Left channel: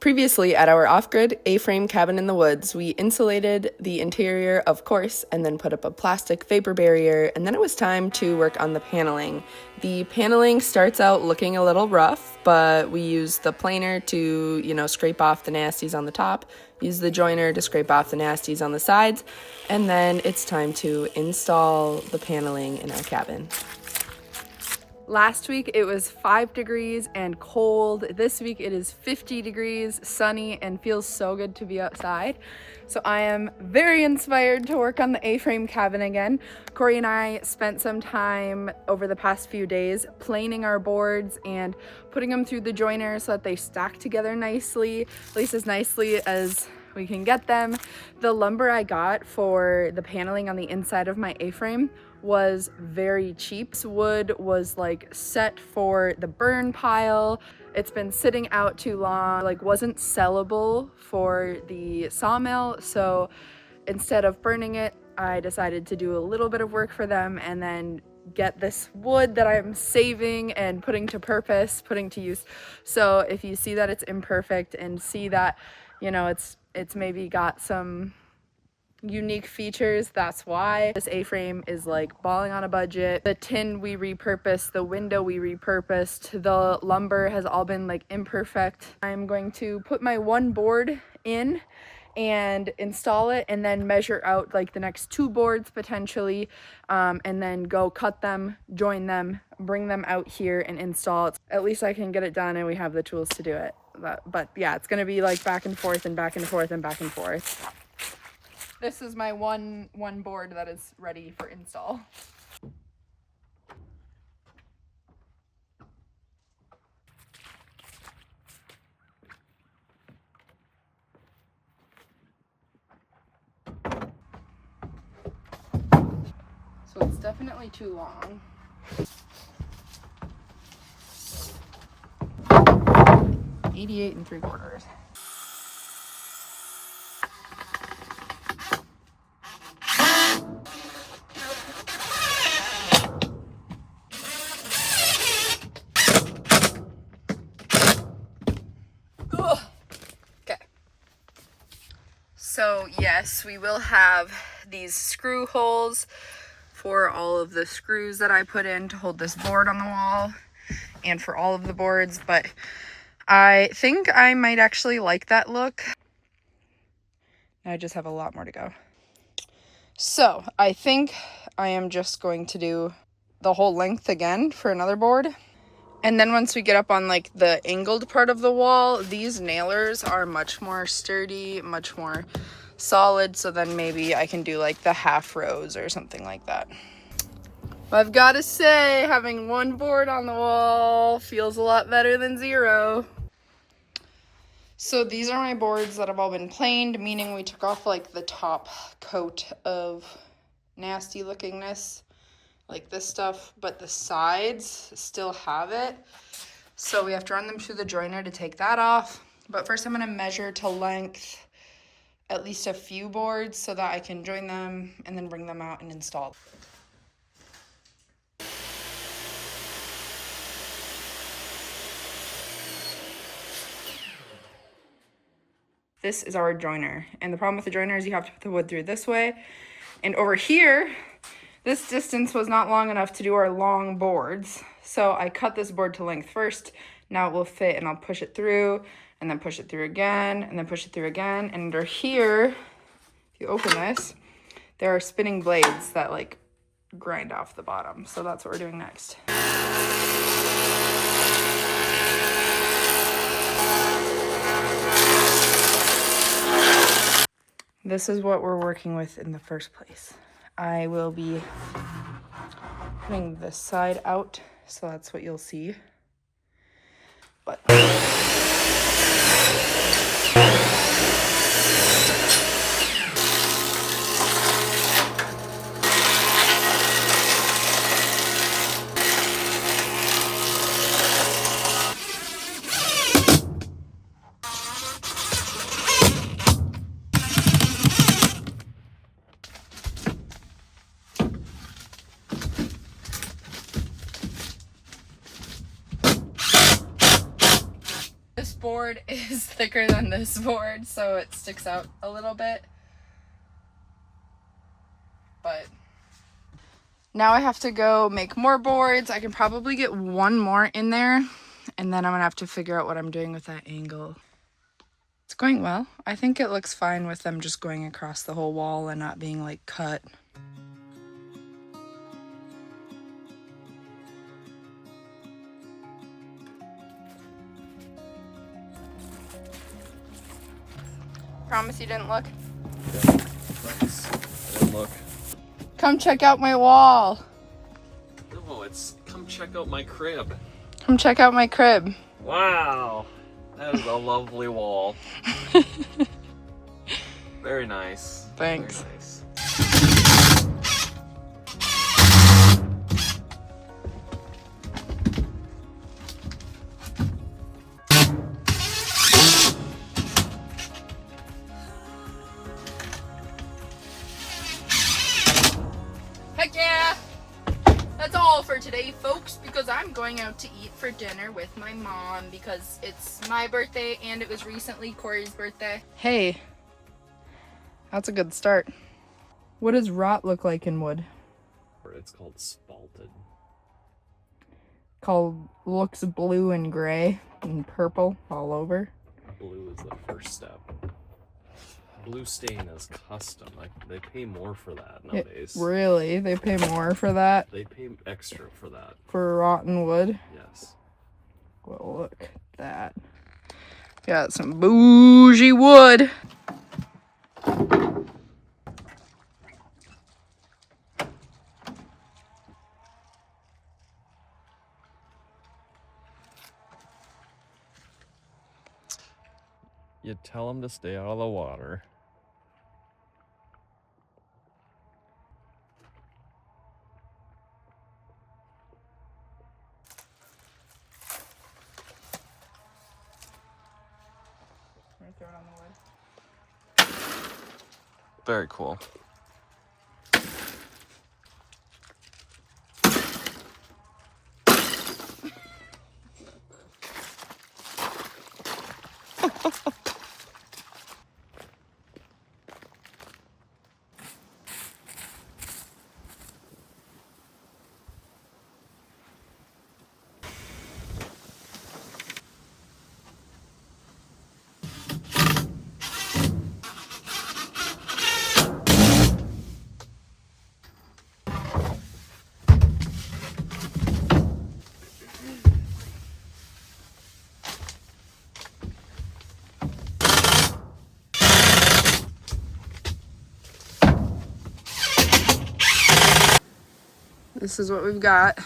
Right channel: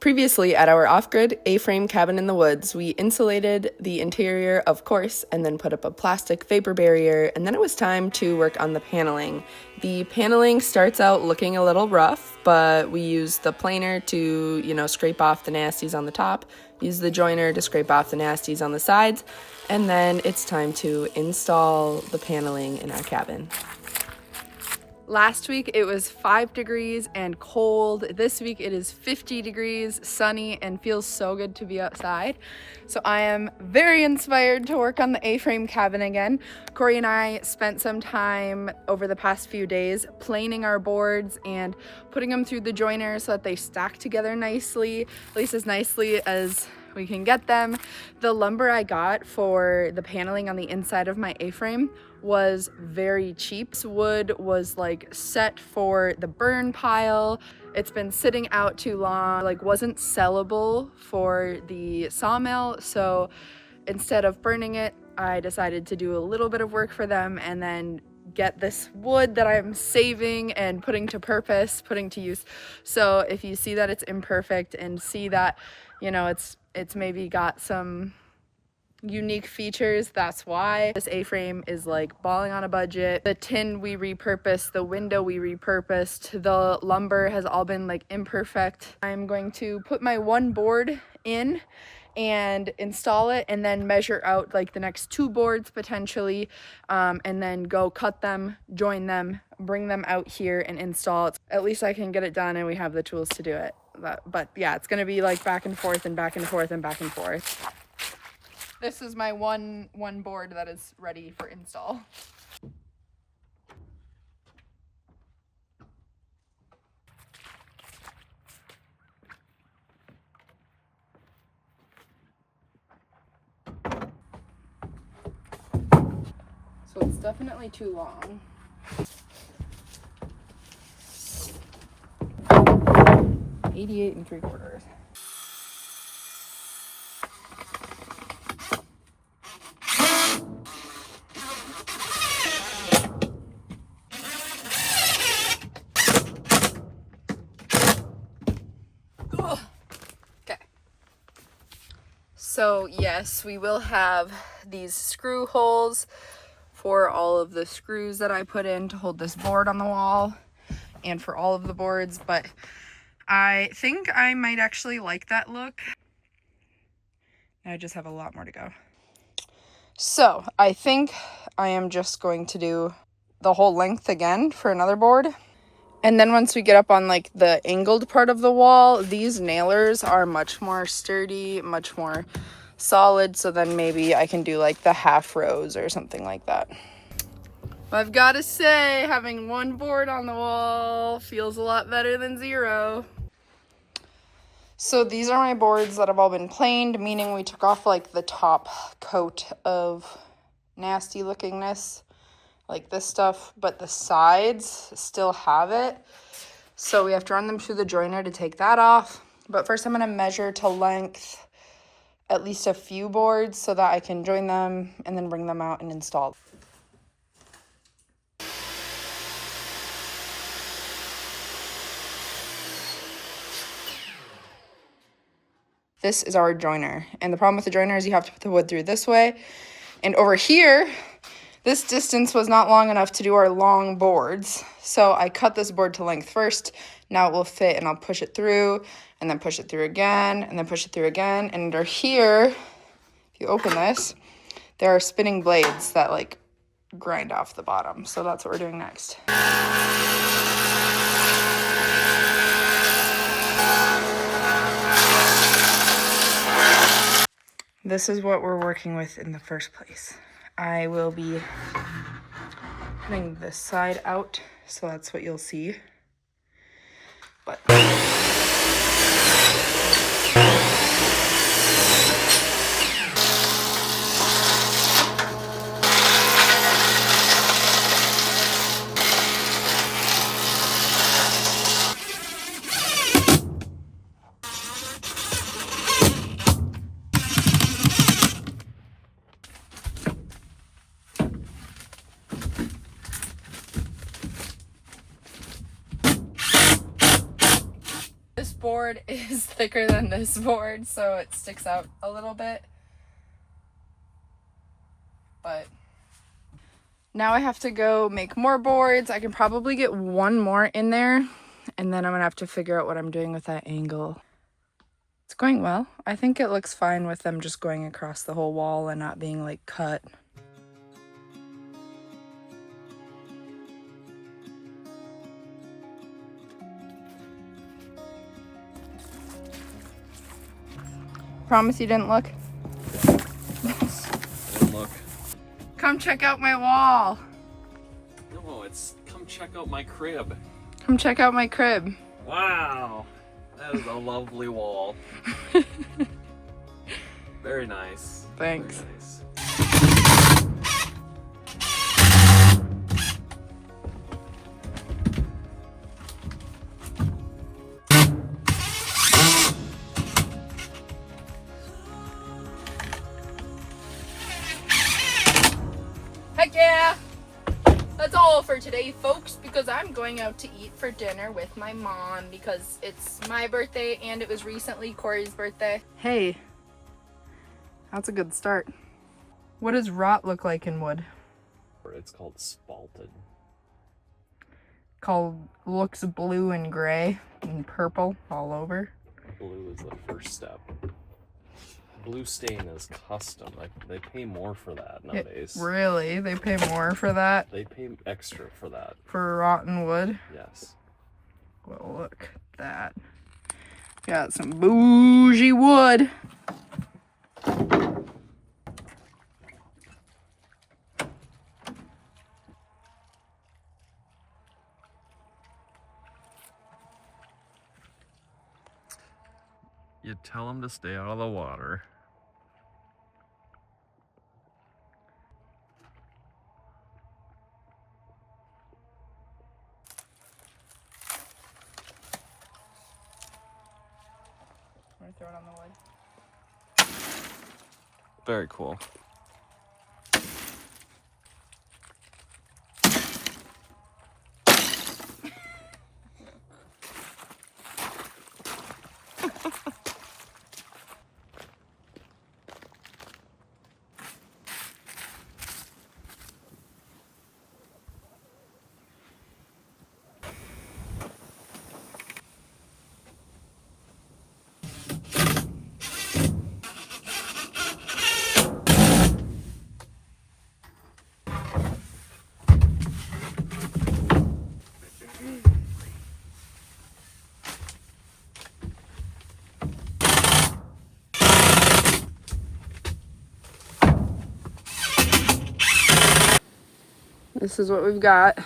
Previously, at our off-grid A-frame cabin in the woods, we insulated the interior, of course, and then put up a plastic vapor barrier, and then it was time to work on the paneling. The paneling starts out looking a little rough, but we use the planer to, scrape off the nasties on the top, use the joiner to scrape off the nasties on the sides, and then it's time to install the paneling in our cabin. Last week it was 5 degrees and cold. This week it is 50 degrees, sunny, and feels so good to be outside. So I am very inspired to work on the A-frame cabin again. Corey and I spent some time over the past few days planing our boards and putting them through the joiner so that they stack together nicely, at least as nicely as we can get them. The lumber I got for the paneling on the inside of my A-frame was very cheap. This wood was set for the burn pile. It's been sitting out too long, wasn't sellable for the sawmill. So instead of burning it, I decided to do a little bit of work for them and then get this wood that I'm saving and putting to use. So if you see that it's imperfect and see that, it's maybe got some unique features, that's why. This A-frame is balling on a budget. The tin we repurposed, the window we repurposed, the lumber has all been imperfect. I'm going to put my one board in and install it and then measure out the next 2 boards potentially, and then go cut them, join them, bring them out here and install it. At least I can get it done and we have the tools to do it. But yeah, it's gonna be back and forth and back and forth and back and forth. This is my one board that is ready for install. So it's definitely too long. $88 3/4. So yes, we will have these screw holes for all of the screws that I put in to hold this board on the wall and for all of the boards, but I think I might actually like that look. I just have a lot more to go. So I think I am just going to do the whole length again for another board. And then once we get up on the angled part of the wall, these nailers are much more sturdy, much more solid. So then maybe I can do the half rows or something like that. I've got to say, having one board on the wall feels a lot better than 0. So these are my boards that have all been planed, meaning we took off the top coat of nasty lookingness, this stuff, but the sides still have it. So we have to run them through the joiner to take that off. But first I'm going to measure to length at least a few boards so that I can join them and then bring them out and install. This is our joiner. And the problem with the joiner is you have to put the wood through this way. And over here, this distance was not long enough to do our long boards. So I cut this board to length first. Now it will fit and I'll push it through and then push it through again and then push it through again. And under here, if you open this, there are spinning blades that grind off the bottom. So that's what we're doing next. This is what we're working with in the first place. I will be putting this side out, so that's what you'll see. But board board is thicker than this board, so it sticks out a little bit. But now I have to go make more boards. I can probably get one more in there, and then I'm gonna have to figure out what I'm doing with that angle. It's going well. I think it looks fine with them just going across the whole wall and not being like cut. Promise you didn't look? Yeah, promise. I didn't look. Come check out my wall. No, it's come check out my crib. Come check out my crib. Wow, that is a lovely wall. Very nice. Thanks. Very nice. Heck yeah! That's all for today, folks, because I'm going out to eat for dinner with my mom because it's my birthday and it was recently Corey's birthday. Hey, that's a good start. What does rot look like in wood? It's called spalted. Looks blue and gray and purple all over. Blue is the first step. Blue stain is custom. Like they pay more for that nowadays. Really? They pay more for that? They pay extra for that. For rotten wood? Yes. Well, look at that. Got some bougie wood. You tell them to stay out of the water. I'm gonna throw it on the wood. Very cool. This is what we've got.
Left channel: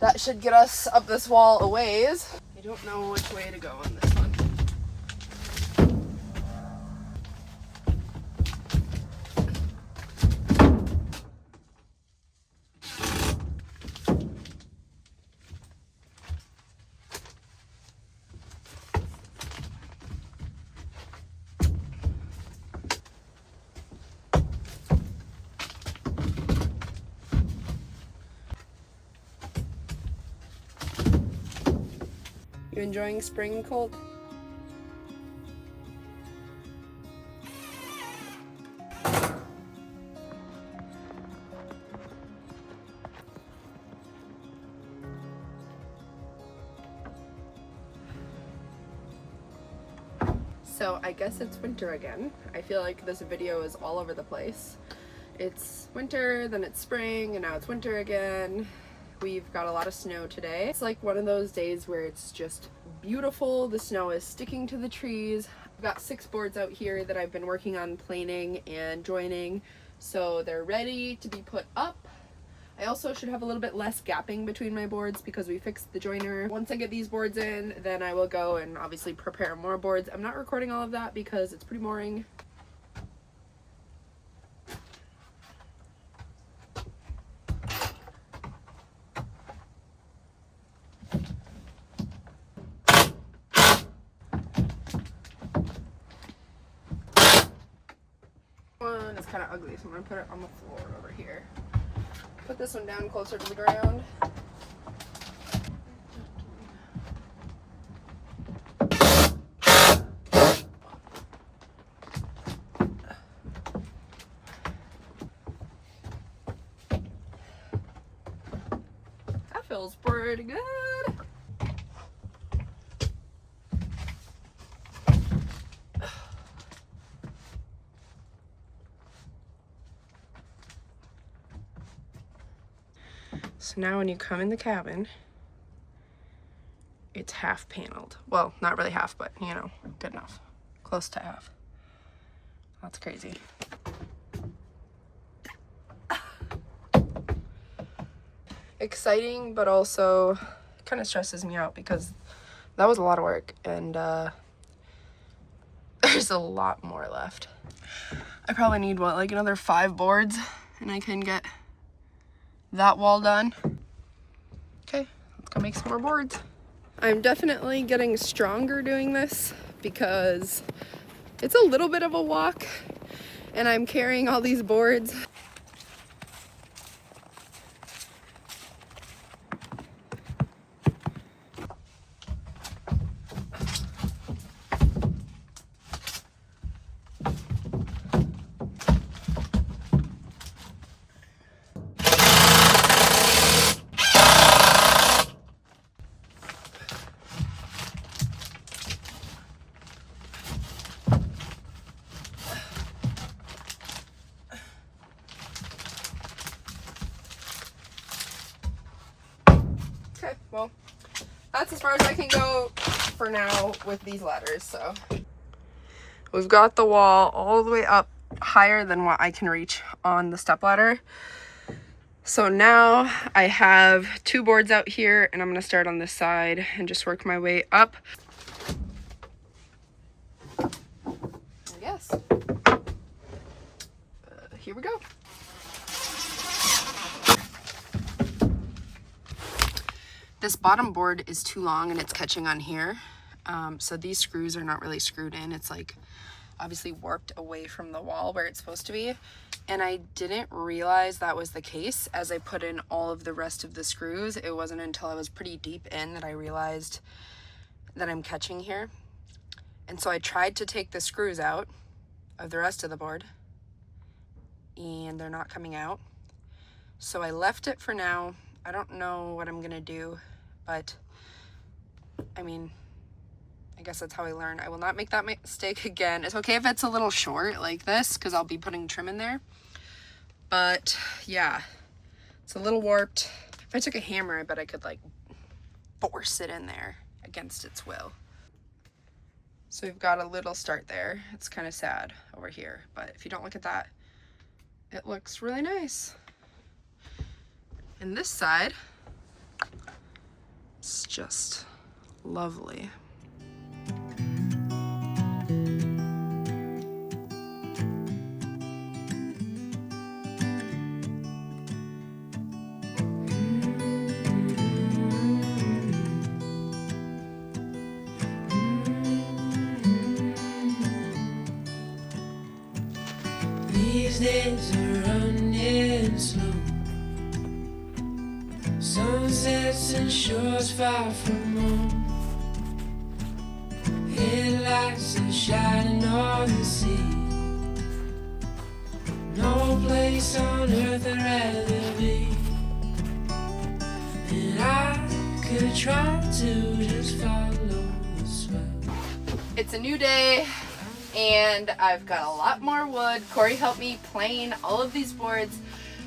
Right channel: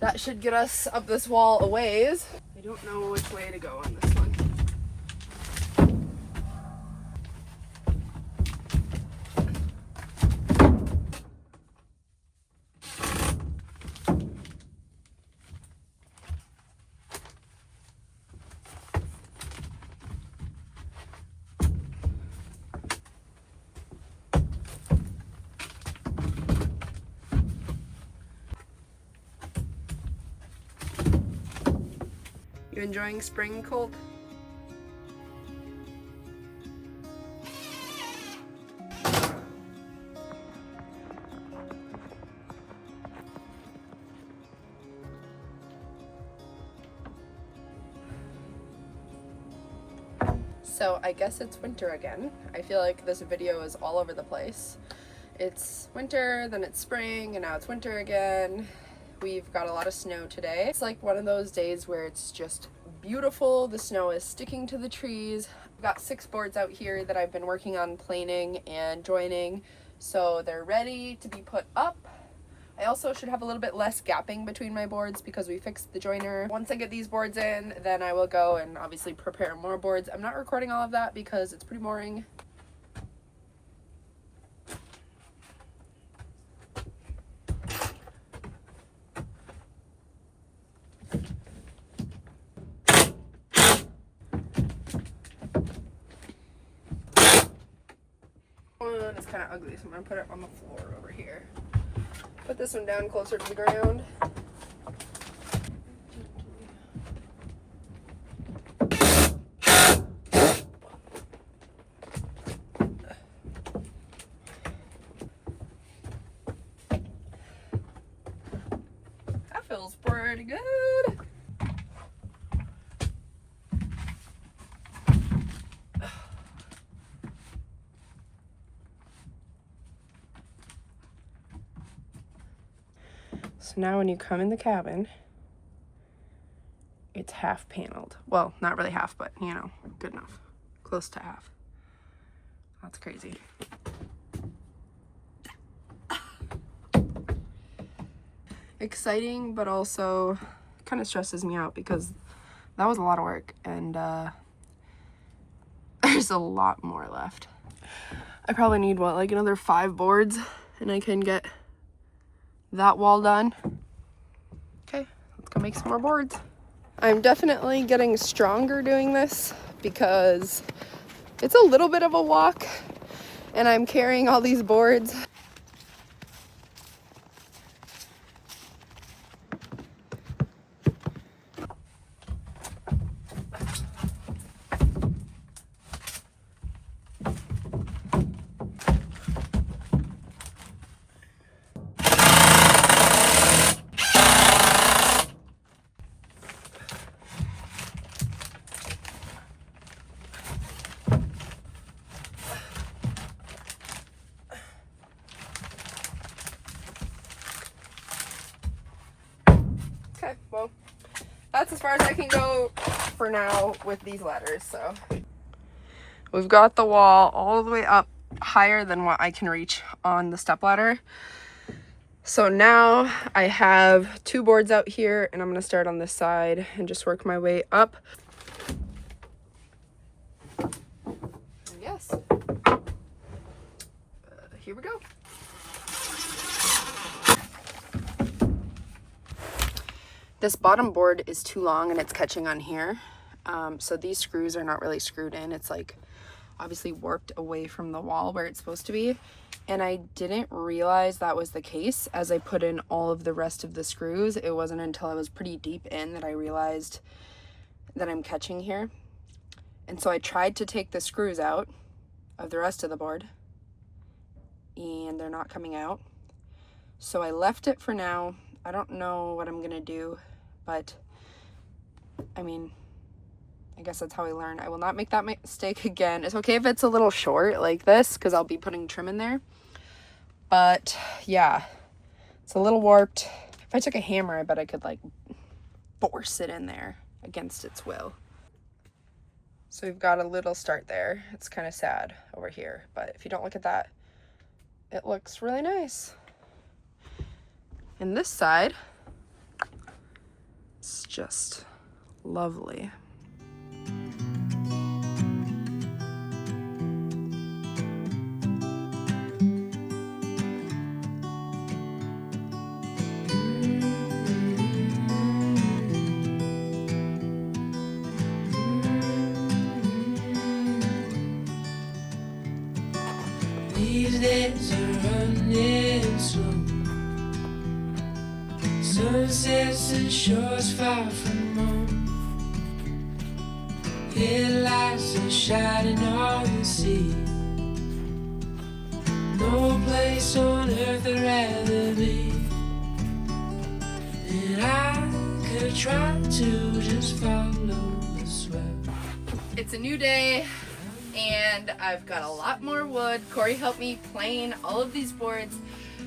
That should get us up this wall a ways. I don't know which way to go on this one. You enjoying spring, Colt? So I guess it's winter again. I feel like this video is all over the place. It's winter, then it's spring, and now it's winter again. We've got a lot of snow today. It's like one of those days where it's just beautiful. The snow is sticking to the trees. I've got 6 boards out here that I've been working on planing and joining, so they're ready to be put up. I also should have a little bit less gapping between my boards because we fixed the joiner. Once I get these boards in, then I will go and obviously prepare more boards. I'm not recording all of that because it's pretty boring. One is kind of ugly, so I'm gonna put it on the floor over here. Put this one down closer to the ground. Feels pretty good. So now when you come in the cabin, it's half paneled. Well, not really half, but you know, good enough. Close to half. That's crazy. Exciting, but also kind of stresses me out because that was a lot of work, and there's a lot more left. I probably need, what, like another 5 boards, and I can get that wall done. Okay, let's go make some more boards. I'm definitely getting stronger doing this because it's a little bit of a walk, and I'm carrying all these boards. Okay, well, that's as far as I can go for now with these ladders, so. We've got the wall all the way up higher than what I can reach on the stepladder. So now I have 2 boards out here, and I'm gonna start on this side and just work my way up. Yes. Here we go. This bottom board is too long and it's catching on here. So these screws are not really screwed in. It's like obviously warped away from the wall where it's supposed to be. And I didn't realize that was the case as I put in all of the rest of the screws. It wasn't until I was pretty deep in that I realized that I'm catching here. And so I tried to take the screws out of the rest of the board, and they're not coming out. So I left it for now. I don't know what I'm gonna do, but I mean, I guess that's how I learn. I will not make that mistake again. It's okay if it's a little short like this, because I'll be putting trim in there. But yeah, it's a little warped. If I took a hammer, I bet I could like force it in there against its will. So we've got a little start there. It's kind of sad over here, but if you don't look at that, it looks really nice. And this side, it's just lovely. These days are running slow. Sunsets and shores far from home. Headlights are shining on the sea. No place on earth I'd rather be. And I could try to just follow the swell. It's a new day, and I've got a lot more wood. Corey helped me plane all of these boards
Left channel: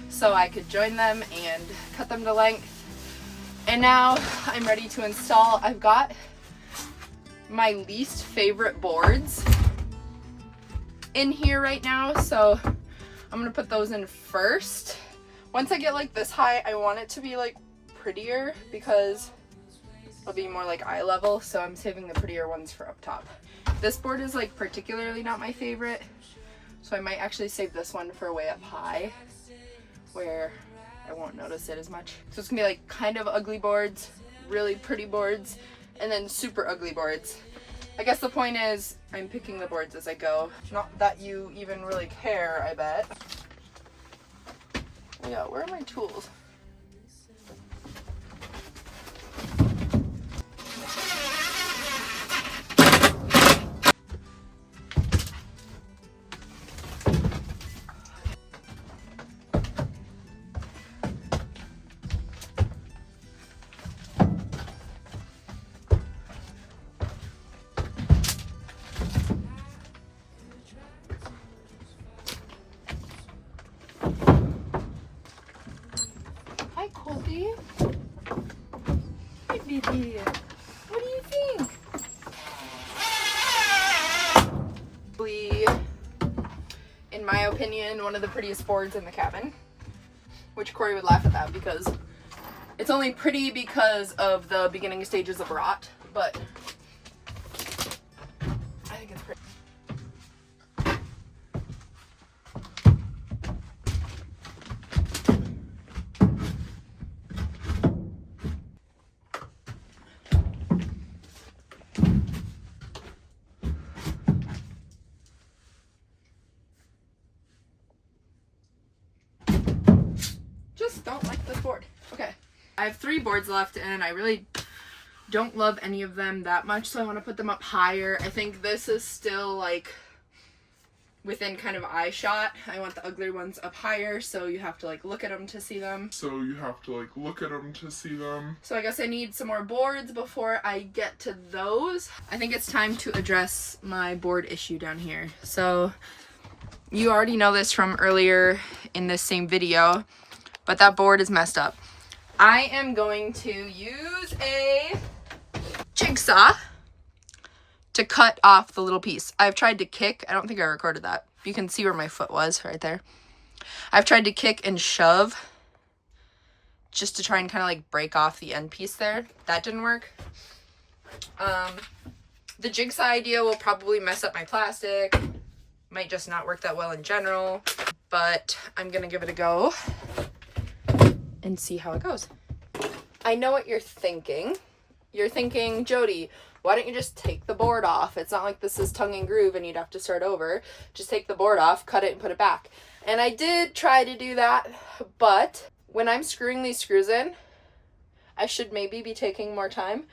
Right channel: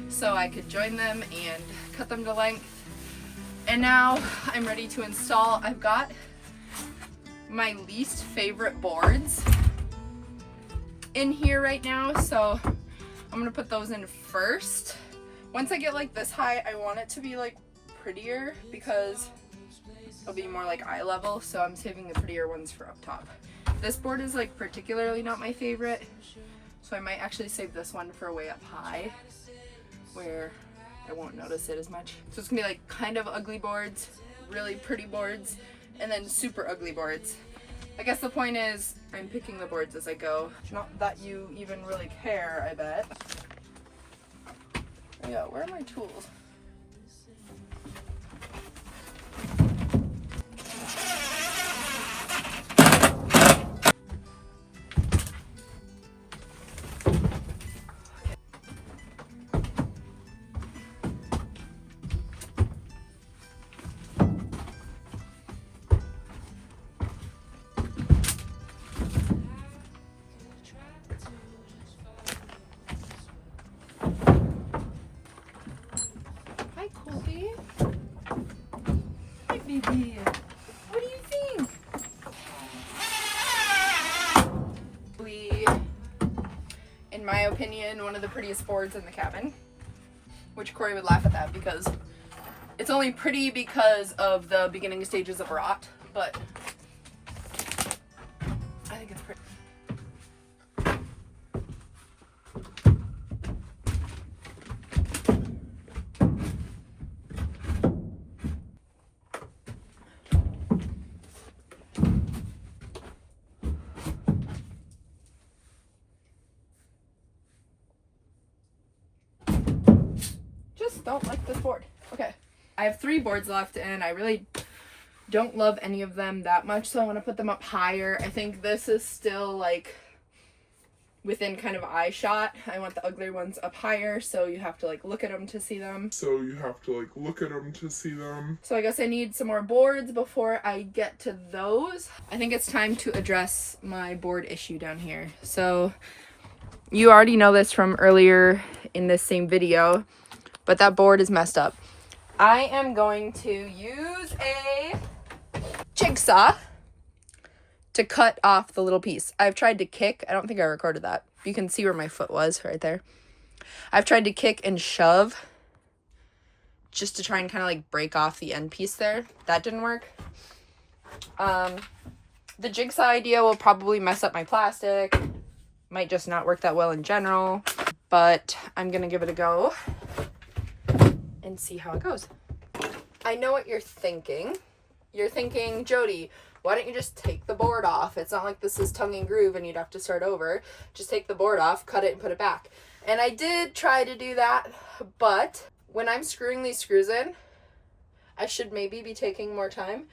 so I could join them and cut them to length. And now I'm ready to install. I've got my least favorite boards in here right now, so I'm gonna put those in first. Once I get like this high, I want it to be like prettier because it'll be more like eye level, so I'm saving the prettier ones for up top. This board is like particularly not my favorite, so I might actually save this one for way up high where I won't notice it as much. So it's gonna be like kind of ugly boards, really pretty boards, and then super ugly boards. I guess the point is I'm picking the boards as I go. Not that you even really care, I bet. Oh yeah, where are my tools? opinion, one of the prettiest boards in the cabin. Which Corey would laugh at that because it's only pretty because of the beginning stages of rot, but I think it's pretty. Just don't like this board. Okay. I have 3 boards left and I really don't love any of them that much, so I want to put them up higher. I think this is still like within kind of eye shot. I want the uglier ones up higher, so you have to like look at them to see them. So I guess I need some more boards before I get to those. I think it's time to address my board issue down here. So you already know this from earlier in this same video, but that board is messed up. I am going to use a jigsaw to cut off the little piece. I've tried to kick. I don't think I recorded that. You can see where my foot was right there. I've tried to kick and shove just to try and kind of like break off the end piece there. That didn't work. The jigsaw idea will probably mess up my plastic. Might just not work that well in general, but I'm gonna give it a go and see how it goes. I know what you're thinking. You're thinking, Jody, why don't you just take the board off? It's not like this is tongue and groove and you'd have to start over. Just take the board off, cut it, and put it back. And I did try to do that, but when I'm screwing these screws in, I should maybe be taking more time,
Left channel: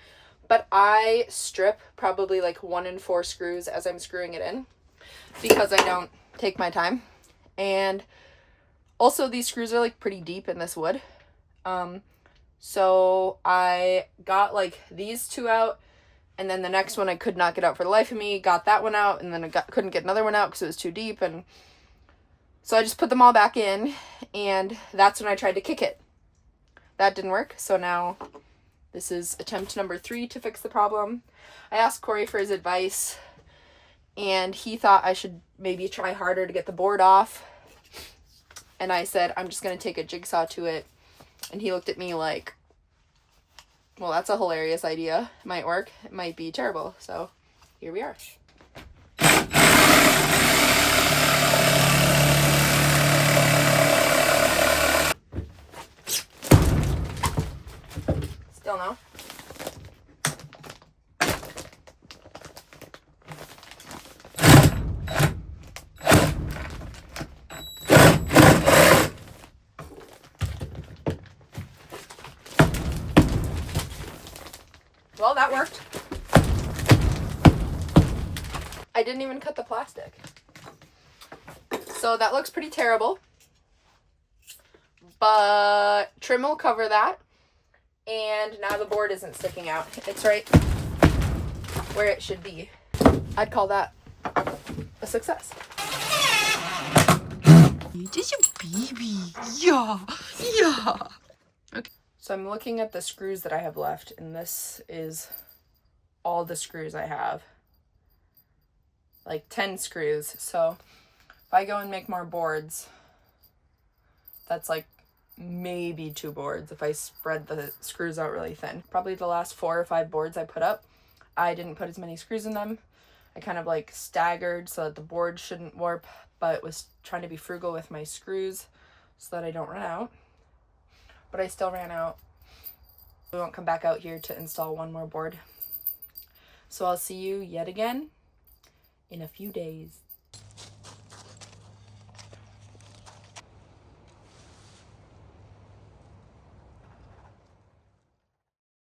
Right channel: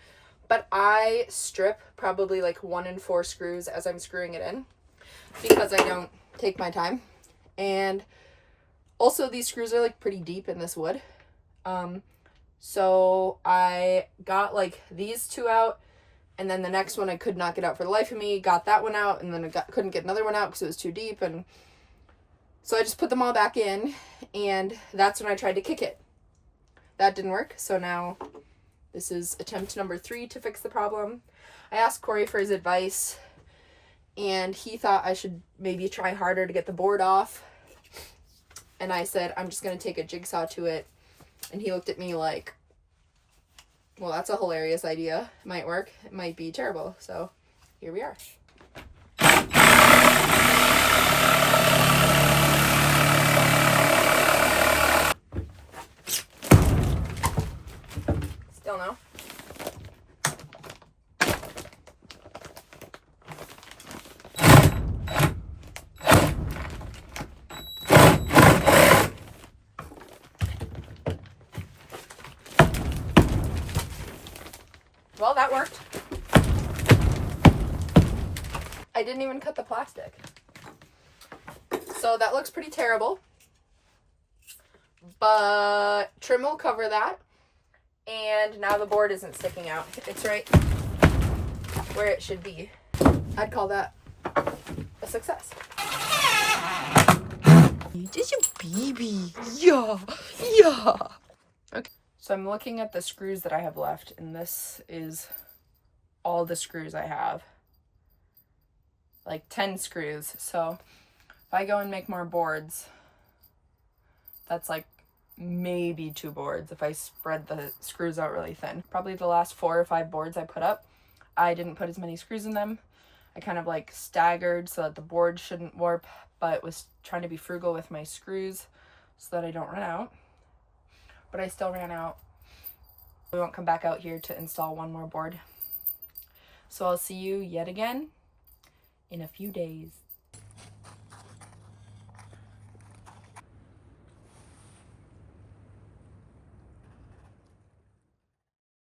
but I strip probably like 1 in 4 screws as I'm screwing it in because I don't take my time. And also these screws are like pretty deep in this wood. So I got like these 2 out, and then the next one I could not get out for the life of me, got that one out, and then I couldn't get another one out because it was too deep, and so I just put them all back in, and that's when I tried to kick it. That didn't work, so now this is attempt number 3 to fix the problem. I asked Corey for his advice, and he thought I should maybe try harder to get the board off, and I said, I'm just going to take a jigsaw to it. And he looked at me like, well, that's a hilarious idea. It might work. It might be terrible. So here we are. Still no. Well, that worked. I didn't even cut the plastic. So that looks pretty terrible. But trim will cover that. And now the board isn't sticking out. It's right where it should be. I'd call that a success. This is a baby. Yeah. Yeah. Okay. So I'm looking at the screws that I have left, and this is all the screws I have. Like 10 screws. So if I go and make more boards, that's like maybe 2 boards if I spread the screws out really thin. Probably the last 4 or 5 boards I put up, I didn't put as many screws in them. I kind of like staggered so that the board shouldn't warp, but was trying to be frugal with my screws so that I don't run out. But I still ran out. We won't come back out here to install 1 more board. So I'll see you yet again in a few days.